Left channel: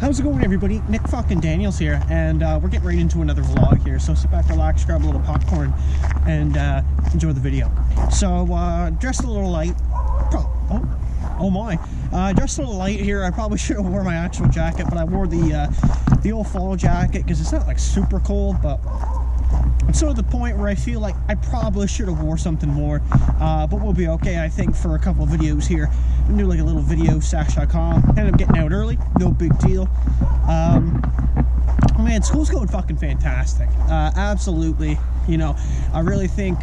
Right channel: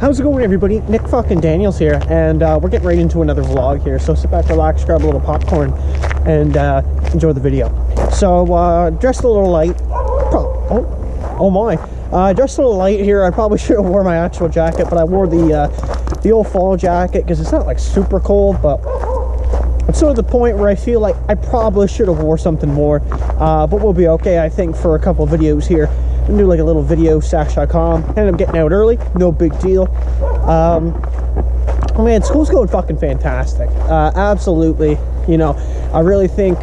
How's it going, everybody? Nick fucking Daniels here, and we're getting right into another vlog here. So sit back, relax, grab a little popcorn, and enjoy the video. So dressed a little light. Oh my! Dressed a little light here. I probably should have worn my actual jacket, but I wore the old fall jacket because it's not like super cold, but it's sort of the point where I feel like I probably should have wore something more. But we'll be okay, I think, for a couple of videos here. I'm gonna do like a little video sash.com. Ended up getting out early, no big deal. Man, school's going fucking fantastic. Absolutely. You know, I really think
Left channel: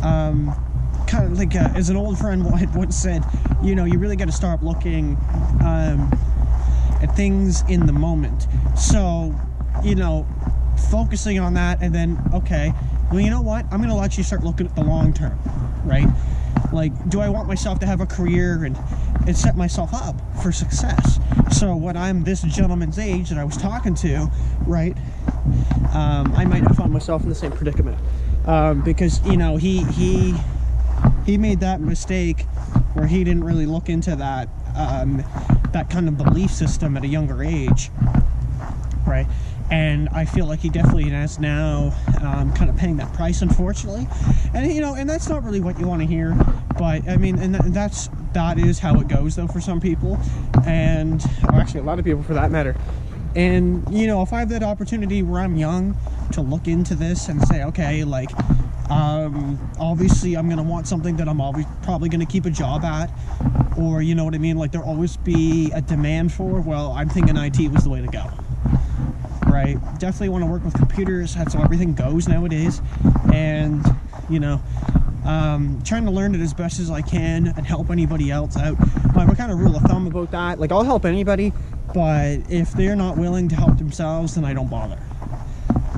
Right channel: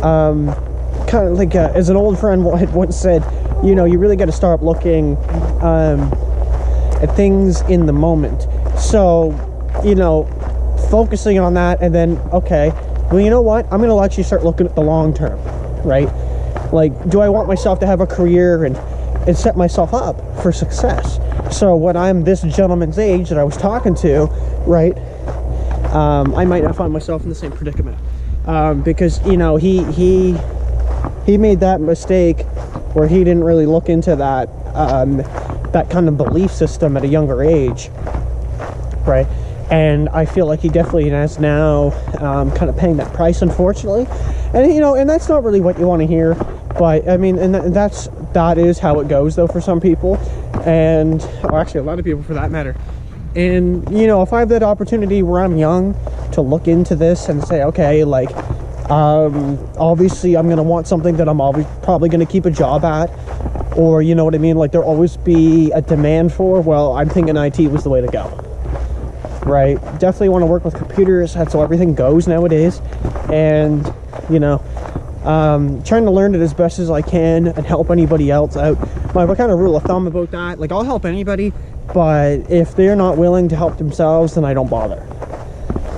kind of like as an old friend had once said, you know, you really got to start looking at things in the moment. So, you know, focusing on that, and then, okay, well, you know what, I'm gonna let you start looking at the long term, right? Like, do I want myself to have a career and set myself up for success? So when I'm this gentleman's age that I was talking to, right, I might not find myself in the same predicament, because, you know, he made that mistake where he didn't really look into that that kind of belief system at a younger age, right? And I feel like he definitely is now kind of paying that price, unfortunately. And, you know, and that's not really what you want to hear, but I mean, and that is how it goes, though, for some people, and or actually a lot of people for that matter. And, you know, if I have that opportunity where I'm young to look into this and say, okay, like, obviously I'm gonna want something that I'm probably gonna keep a job at, or, you know what I mean, like there'll always be a demand for, well, I'm thinking IT was the way to go, right? Definitely want to work with computers. That's how everything goes nowadays. And, you know, trying to learn it as best as I can and help anybody else out. My kind of rule of thumb about that, like, I'll help anybody, but if they're not willing to help themselves, then I don't bother.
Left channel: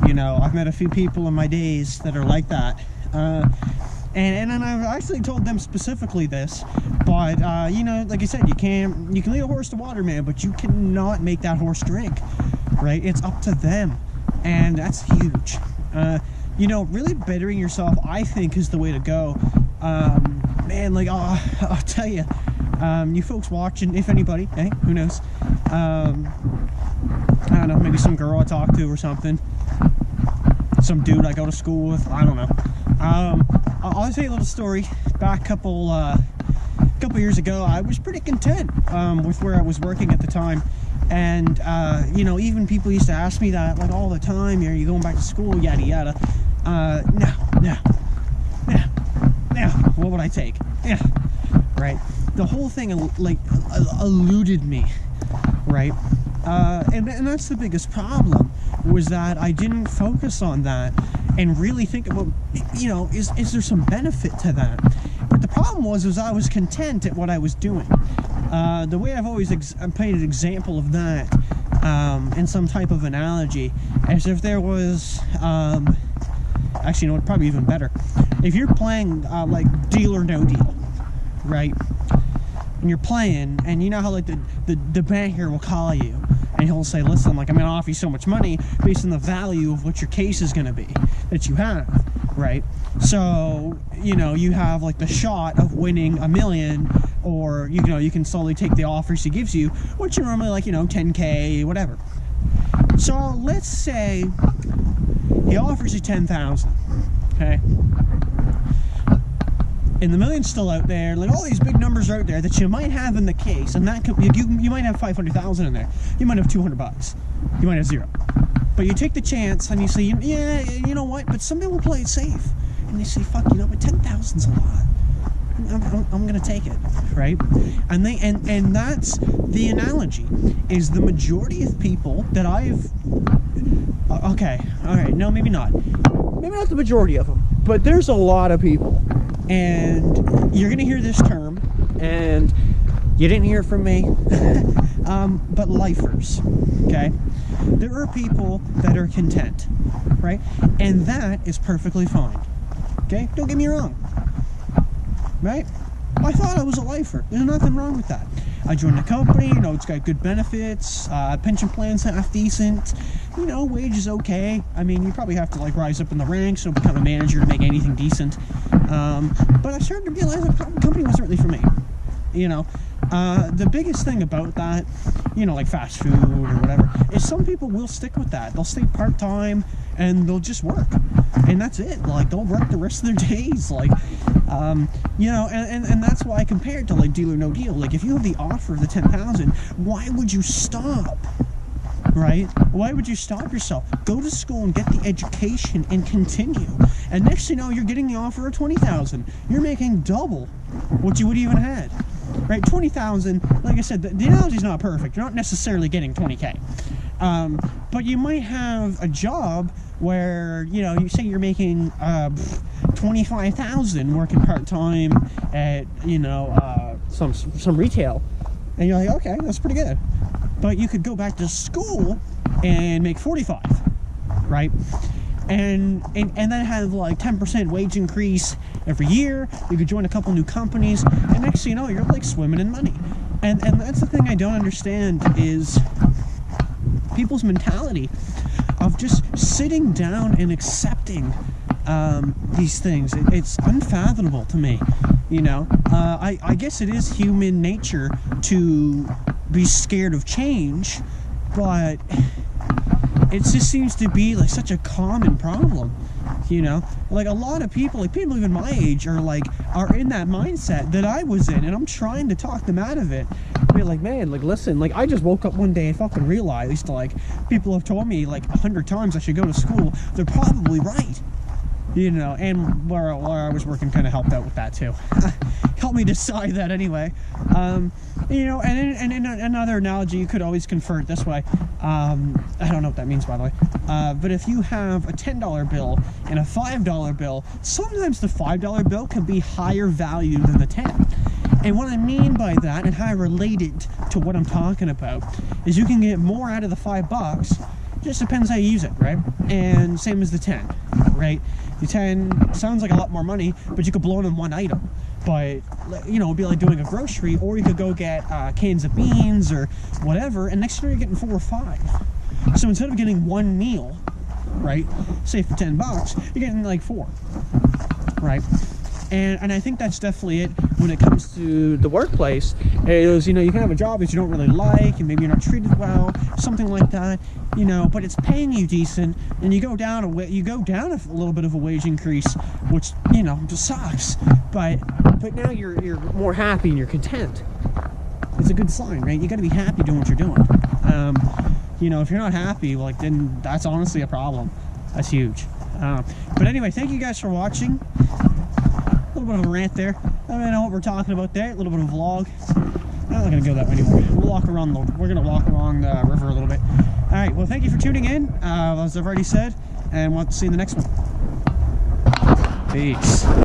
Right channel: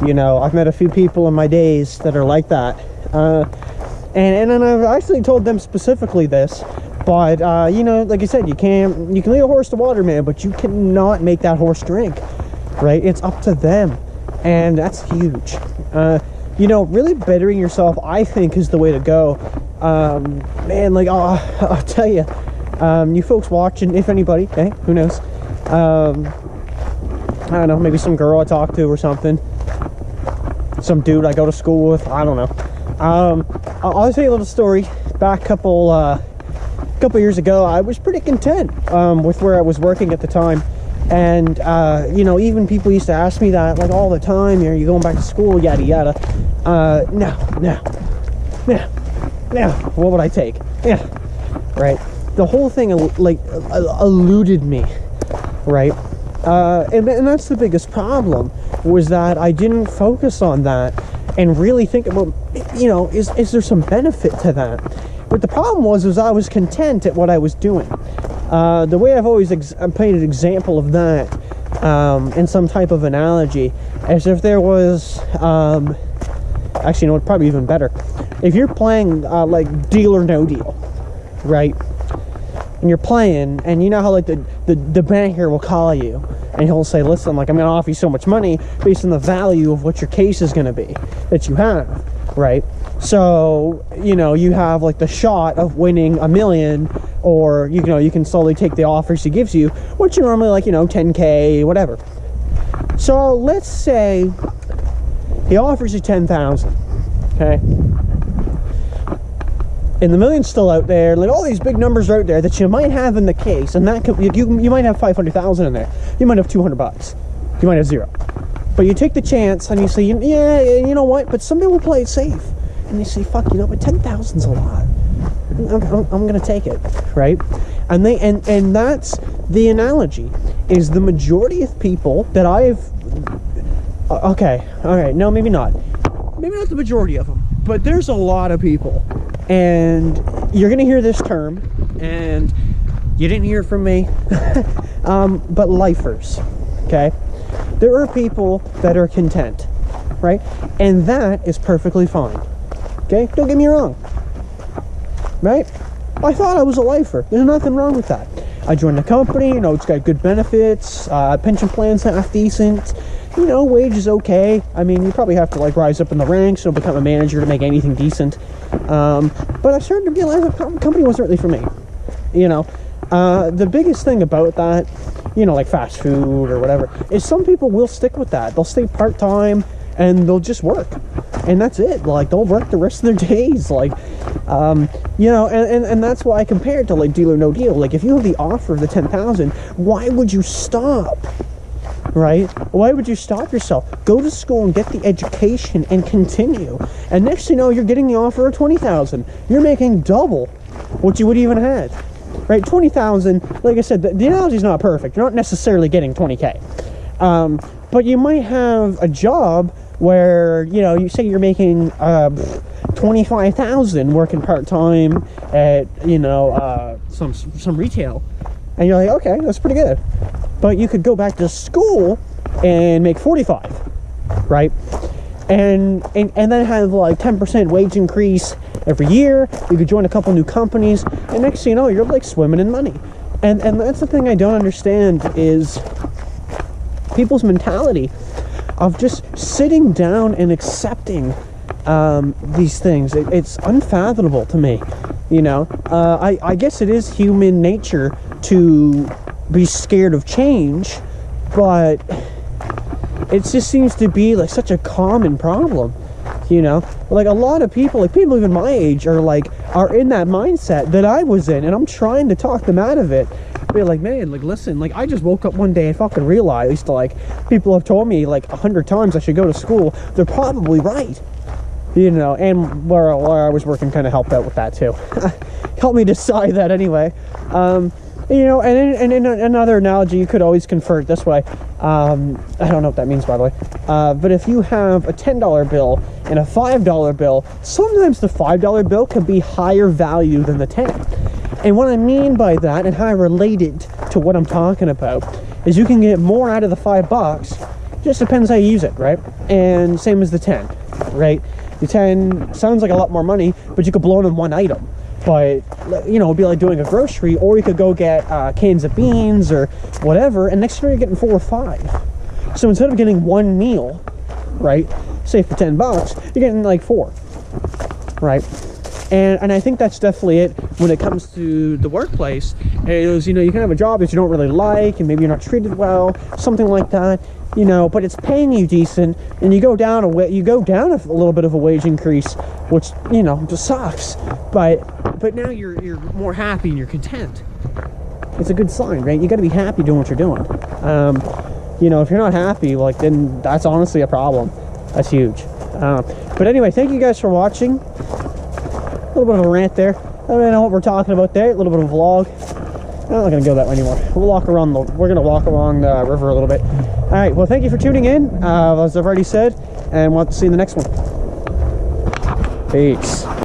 You know, I've met a few people in my days that are like that, and I've actually told them specifically this, but you know, like I said, you can lead a horse to water, man, but you cannot make that horse drink, right? It's up to them, and that's huge. You know, really bettering yourself, I think, is the way to go. Man, like, I'll tell you, you folks watching, if anybody, hey, who knows, I don't know, maybe some girl I talk to or something, some dude I go to school with, I don't know. I'll tell you a little story. Back a couple years ago, I was pretty content with where I was working at the time. And you know, even people used to ask me that, like, all the time, are you going back to school, yada yada. No, what would I take? Yeah, right. The whole thing like eluded me, right? And that's the biggest problem, was that I didn't focus on that and really think about, you know, is there some benefit to that? But the problem was I was content at what I was doing. The way I've always painted an example of that in some type of analogy, as if there was, actually, no, probably even better. If you're playing like Deal or No Deal, right? And you're playing, and you know how, like, the banker will call you and he'll say, listen, like, I'm gonna offer you so much money based on the value of what your case is gonna be that you have, right? So, you know, you have like the shot of winning $1 million, or, you know, you can slowly take the offers he gives you, which are normally like, you know, 10K, whatever. So let's say he offers you 10,000, okay? And the million's still out there, like all these big numbers are out there that you might have in the case, and that could, you might have 500,000 in there, you might have 200 bucks, you might have zero, but you take the chance and you say, yeah, you know what, but some people will play it safe, and they say, fuck, you know, but 10,000's a lot, I'm gonna take it, right? And and that's the analogy, is the majority of people that I've, okay, all right, no, maybe not the majority of them, but there's a lot of people. And you're gonna hear this term, and you didn't hear it from me, but lifers, okay? There are people that are content, right? And that is perfectly fine, okay? Don't get me wrong, right? I thought I was a lifer. There's nothing wrong with that. I joined the company, you know, it's got good benefits, pension plan's half decent, you know, wage is okay. I mean, you probably have to, like, rise up in the ranks or become a manager to make anything decent. But I started to realize the company wasn't really for me, you know. The biggest thing about that, you know, like fast food or whatever, is some people will stick with that. They'll stay part-time and they'll just work, and that's it. Like, they'll work the rest of their days, like, you know, and that's why I compare it to like Deal or No Deal. Like, if you have the offer of the 10,000, why would you stop? Right? Why would you stop yourself? Go to school and get the education and continue. And next thing you know, you're getting the offer of 20,000. You're making double what you would even had. Right? 20,000, like I said, the analogy is not perfect. You're not necessarily getting 20K. But you might have a job where, you know, you say you're making 25,000 working part-time at, you know, some retail, and you're like, okay, that's pretty good. But you could go back to school and make 45, right? And then have like 10% wage increase every year. You could join a couple new companies, and next thing you know, you're like swimming in money. And that's the thing I don't understand, is people's mentality of just sitting down and accepting these things. It's unfathomable to me, you know. I guess it is human nature to be scared of change, but it just seems to be like such a common problem, you know. Like, a lot of people, like people even my age, are in that mindset that I was in, and I'm trying to talk them out of it. Be like, man, like, listen, like, I just woke up one day and fucking realized, like, people have told me like 100 times I should go to school. They're probably right, you know. And where I was working kind of helped out with that too. Helped me decide that anyway. You know, and in another analogy, you could always convert this way. I don't know what that means, by the way. But if you have a $10 bill and a $5 bill, sometimes the $5 bill can be higher value than the 10. And what I mean by that, and how I relate it to what I'm talking about, is you can get more out of the $5. Just depends how you use it, right? And same as the 10, right? The 10 sounds like a lot more money, but you could blow it on one item. But, you know, it'd be like doing a grocery, or you could go get cans of beans or whatever, and next year you're getting 4 or 5. So instead of getting one meal, right, say for $10, you're getting like 4, right? And I think that's definitely it when it comes to the workplace. Is, you know, you can have a job that you don't really like, and maybe you're not treated well, something like that, you know, but it's paying you decent, and you go down a little bit of a wage increase, which, you know, just sucks. But now you're more happy and you're content. It's a good sign, right? You got to be happy doing what you're doing. You know, if you're not happy, like, then that's honestly a problem. That's huge. But anyway, thank you guys for watching. A little bit of a rant there. I don't really know what we're talking about there. A little bit of a vlog. I'm not gonna go that way anymore. We're gonna walk along the river a little bit. All right. Well, thank you for tuning in. As I've already said, and we'll see you in the next one. Peace.